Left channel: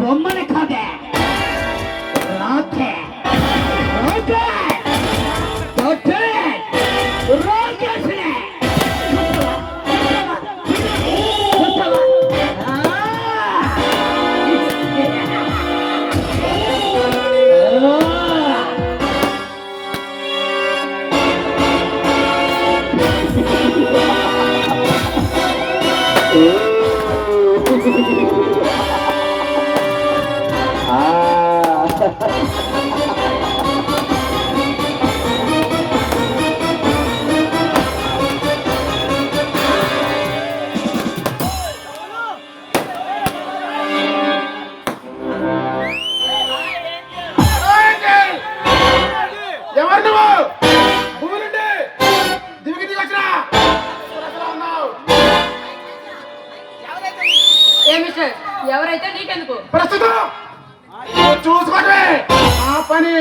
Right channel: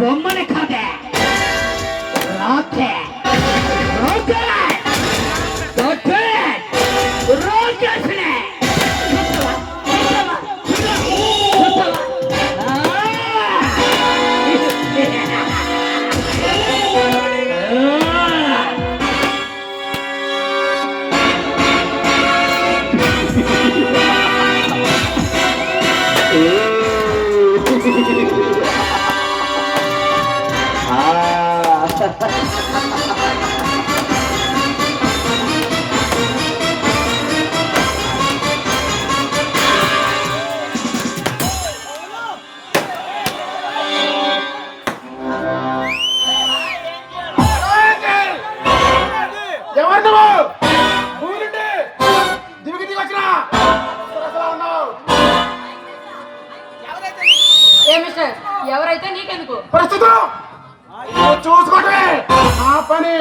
బొమ్మని కాదే రాకే ఎవరైతే నీకెందుకు ప్రస్తుతం చూసుకోవటమే ఆ పని.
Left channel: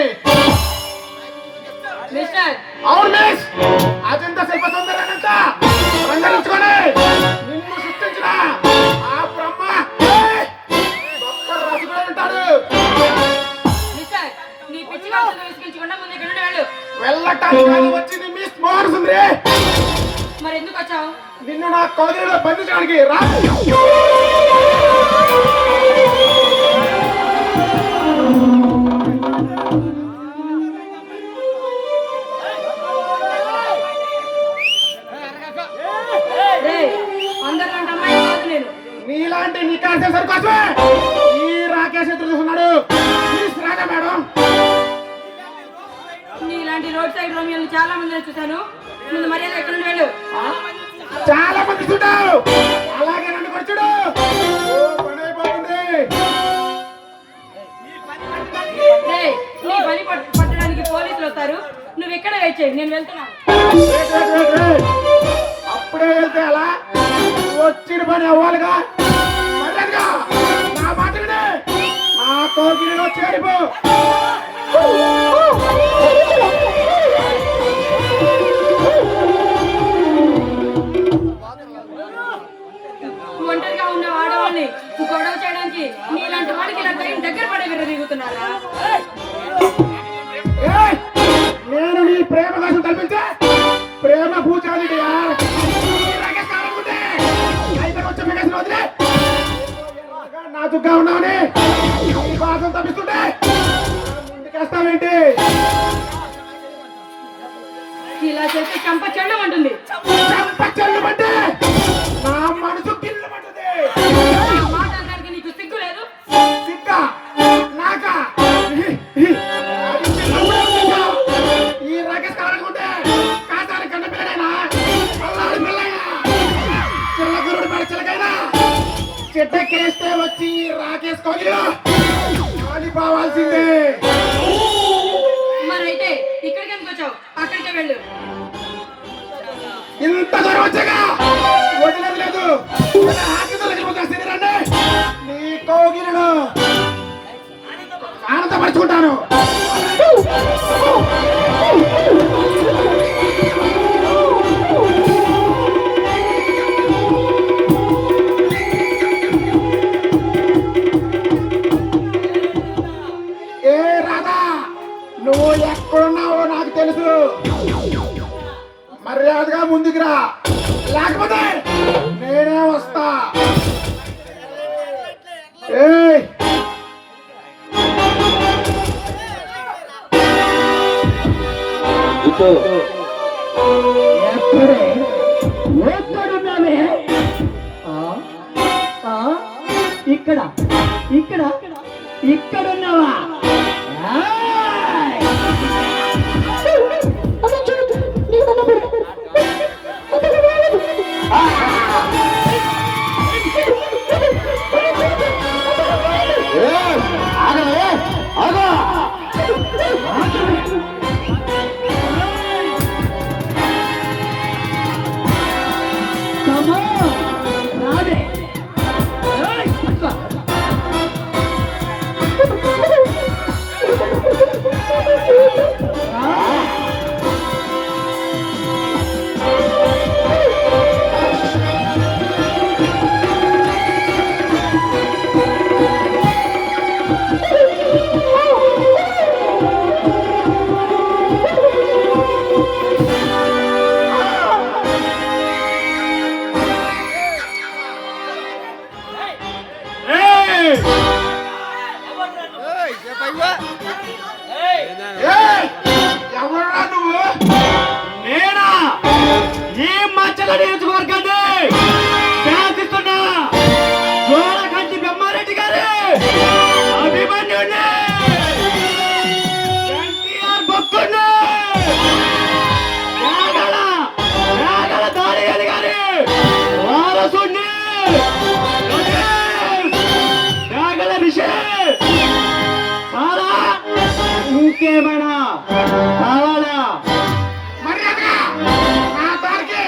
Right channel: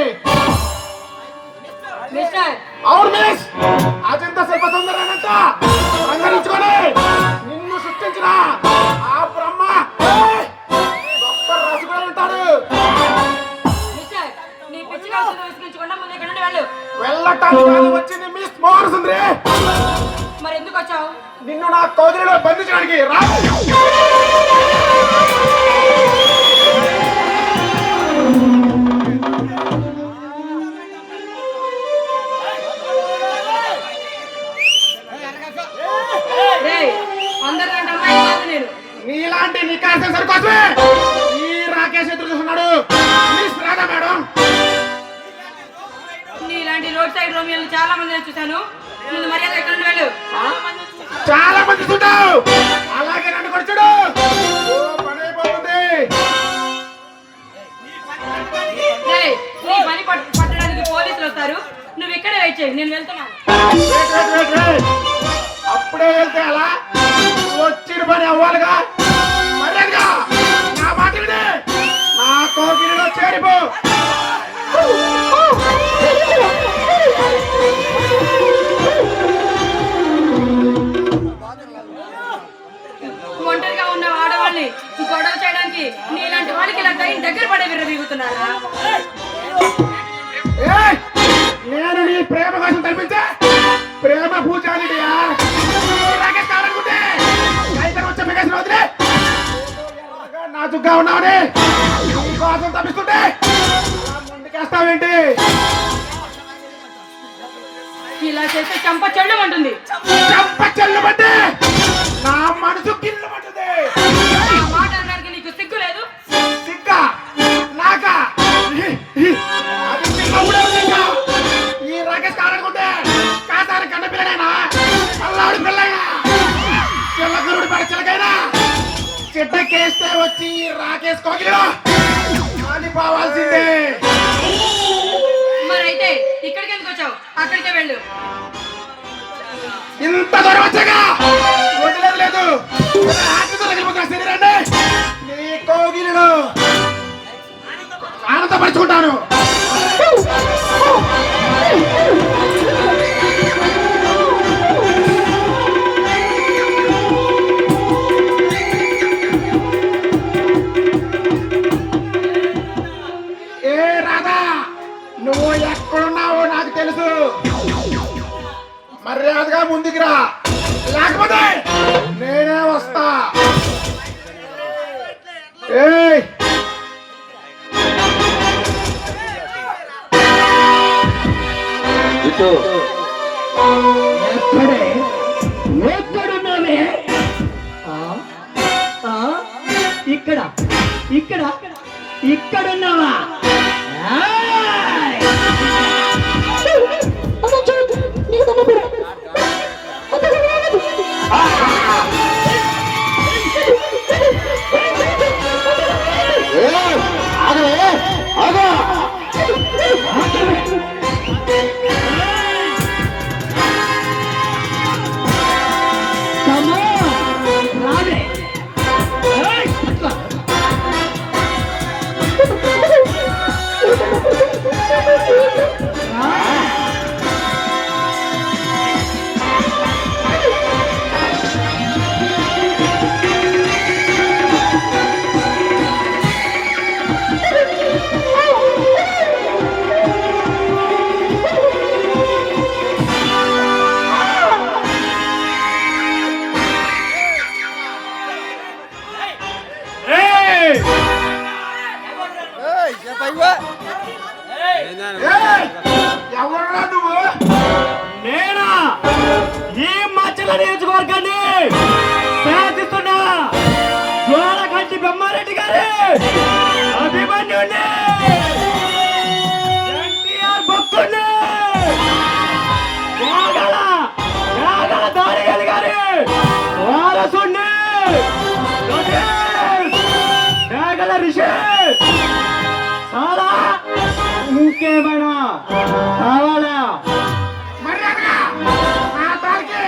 మిస్టర్ అవును మిస్, అజంతా శిల్ప సుందరానంట రంగరించుకొని నిన్ను సృష్టించిన ఆ బ్రహ్మ గొప్ప రసగుడు ఉంటాడు. మిస్టర్ నీ పిచ్చి కౌశలం విసిగించకుండా ముందు ఇక్కడ నుండి వెళ్ళు. వెళ్ళటానికి వచ్చింది మిస్ మోహన్ సుందరి. మరి ఎందుకు వచ్చావు? నిన్ను నా కోదిలో బంధించడానికి రా. అందరికంటే అమ్మాయి కాదు నేను. నీలాంటి నికాల్సిన సరికోసమే ఈ రాకేష్ ఎదురు చూస్తున్నాడు. ప్లీజ్ రాగా మేడం. నీలాంటి రోడ్ సైడ్ రోమియోలు చాలా మందిని చూశాను. ముందు మర్యాద ఇక్కడ నుండి వెళ్ళు. చాలా మంది చూడావు, అలాగే నన్ను కూడా చూడు. పని అయిపోతుంది. నీ పని పట్టడానికి పోలీసులు వస్తారు. నువ్వు ఇక్కడే వెయిట్ చేయి, నేను వెళ్తున్నాను. అప్పుడే వెళ్తే అలా వచ్చిన పని అవ్వాలిగా. మర్యాదగా నా మాట విని నా కోకిలిలో చేరిపో. ఒంటరిగా ఉన్న ఆడవాళ్ళని గొడవ చేయడానికి నీలాంటి వాళ్ళకి ఇలా దగ్గర పడే విరవీగుతున్నారా? నేను నీ ప్రేమ కోసం కల్పించే ప్రేమ పూజానియా నాజుగ్గా ఉన్నావని కోసం తప్పిస్తుంటే ముందుకేస్తావేంటి? ఇలా చేస్తే చంప చెల్లు ఉంటుంది. చంప చెల్లు అంటే నా మనసు గిల్లు పడుతుంది. మాట్లాడడానికి నీకు సిగ్గు లేదు? సిగ్గా నాకా? ఈ రాకేష్ కారనుకుంటే కాసారి కన్న పిల్లడైనా అల్లాడి పిల్లైనా చిల్లగురుడు పడి చిలకైనా చెట్టకేస్తే వచ్చి ఈ రాకేష్ కోగిలో కాలిపోవాల్సిందే. మరైతే ఇక్కడికి ఎందుకు వచ్చావు? అక్కడికే వెళ్ళు. ఇంత దూరం వచ్చాగా వదిలేదు లేదు. శరీరాన్ని నీ కోగిలను ఆనందపరుచుకుంటాను. ఏ రాధా, నువ్వు ఎక్కడున్నావో నాకు తెలుసు. మర్యాదగా ముందుకు రా, లేకపోతే నేనే వస్తా. ఏయ్ ఎక్కడున్నావే? ఇక్కడ ఇక్కడ ఇక్కడున్నావా? ఈ మచ్చల నియోజకవర్గాన్ని శాసిస్తున్న జోలకంటి బ్రహ్మారెడ్డి గారి అభిమన్యుని ఎన్టీఆర్ భక్తుడిని త్యాగల దారిగలి గారి వారసుని త్యాగల ఋషి చాలా ఇంకేమైనా కావాలా? మర్యాదగా నా దారికి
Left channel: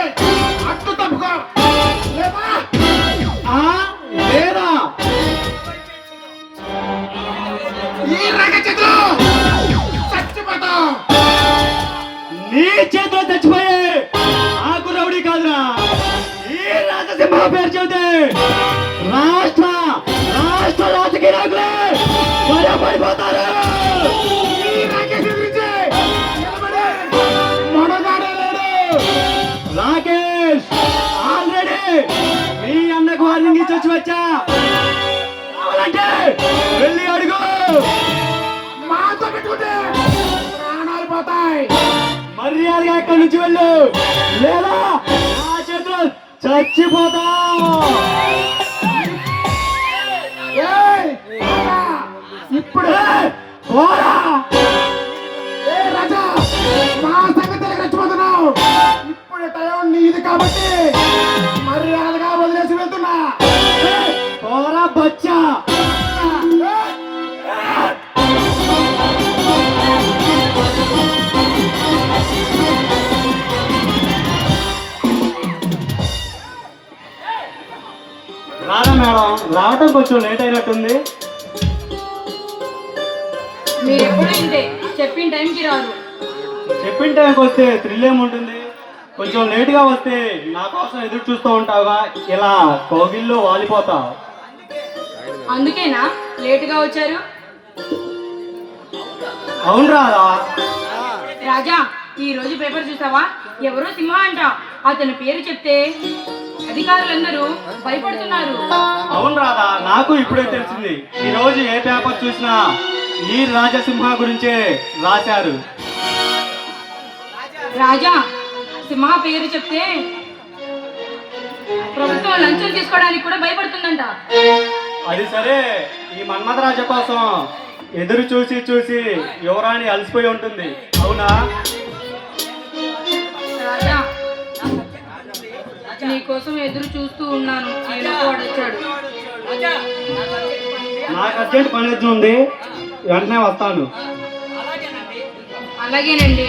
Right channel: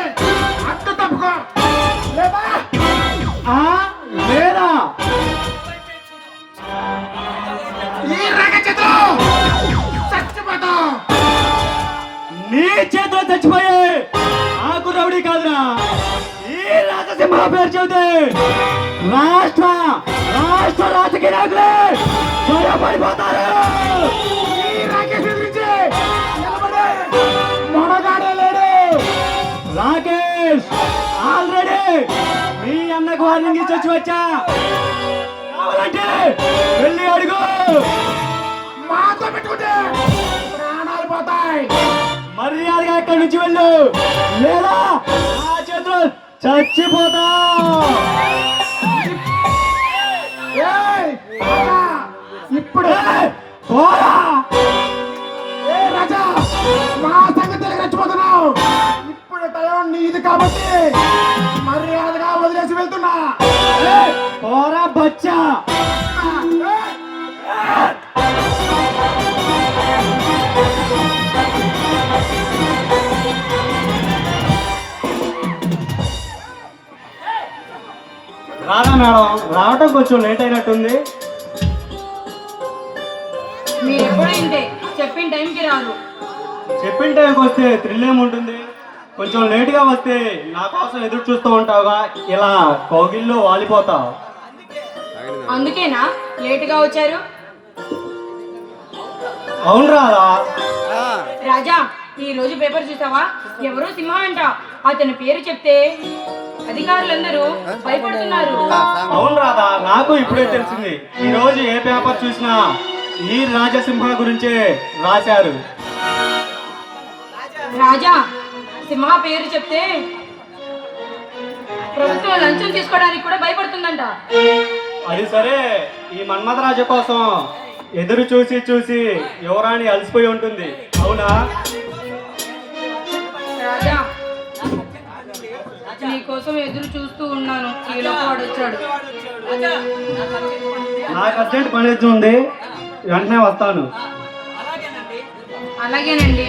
అడ్డు తప్పుకో లేదా లేదా ఈ రగచితో చచ్చిపోతావు. నీ చేతిలో చచ్చిపోయే ఆకు రౌడీ కాదురా, ఈ రాజసింహ పేరు చెబితే రాష్ట్ర రాజకీయ నాయకులే పడిపోతారు. ఈ రాకేష్ గురించి ఎవడే మొనగాడే లేడు. రాకేష్ ఆల్రెడీ మీ అన్నకు వార్నింగ్ ఇచ్చి వచ్చి వచ్చా. కావాలంటే వెళ్ళి అడుగు. మాతో పెట్టుకుంటే ప్రాణాలు పోతాయి. మర్యాదగా ఇక్కడి నుంచి వెళ్ళు, లేదా నా చేతులు చచ్చిపోతా. ఏయ్, ఇప్పుడే పోరా. ఏ రాజా మా సంగతికి రెచ్చిపోతున్నావు. ఇప్పుడు టైం నీది కాబట్టి మర్యాదగా వదిలేసి వెళ్తున్నా. పోరా బచ్చా. రారా మేడం, రావటం కొంచెం లేట్ అయినట్టుంది. మీరు ఎప్పుడు ఇంతే, చెప్పిన టైంకి రాదు. చెప్పిన టైంకి వస్తే థ్రిల్ ఏముంటుంది? కొంచెం లేట్గా వస్తే నా కోసం ఎదురు చూస్తూ ఉంటావుగా, ఇలా కౌగిల్లో వాలిపోతావు. అందుకేనా లేటుగా వచ్చారు? అవును రాదా? రాజా, ఈ రోజు పేపర్ చూసావా? ఎవరో సింహ అంట. అతని పేరు చెప్తే అధికారులందరూ భయపడుతున్నారు. అవును రాదా, నాకు ఇప్పుడే తెలిసింది. ఈ రోజు ఏ పేపర్ చూసినా ఈ రాజసింహ గురించే రాశారు. రాజా, సింహ పేరు చెప్తే ప్రభుత్వం లంచం తీసుకోవడానికి కూడా భయపడుతుందంట. అది సరే, ఈ మన్మథరాజ కోసం ఎదురు చూసి చూసి యువరాణి అలసిపోయి ఉంటుంది, అవునా? రాజా, నీ కోసం ఎదురు చూస్తూ ఉన్నాను. ఈలోపు వాడు వచ్చాడు. నాకు అర్జెంట్ పని ఉంది, వెంటనే వస్తాను. అలాగేనండి.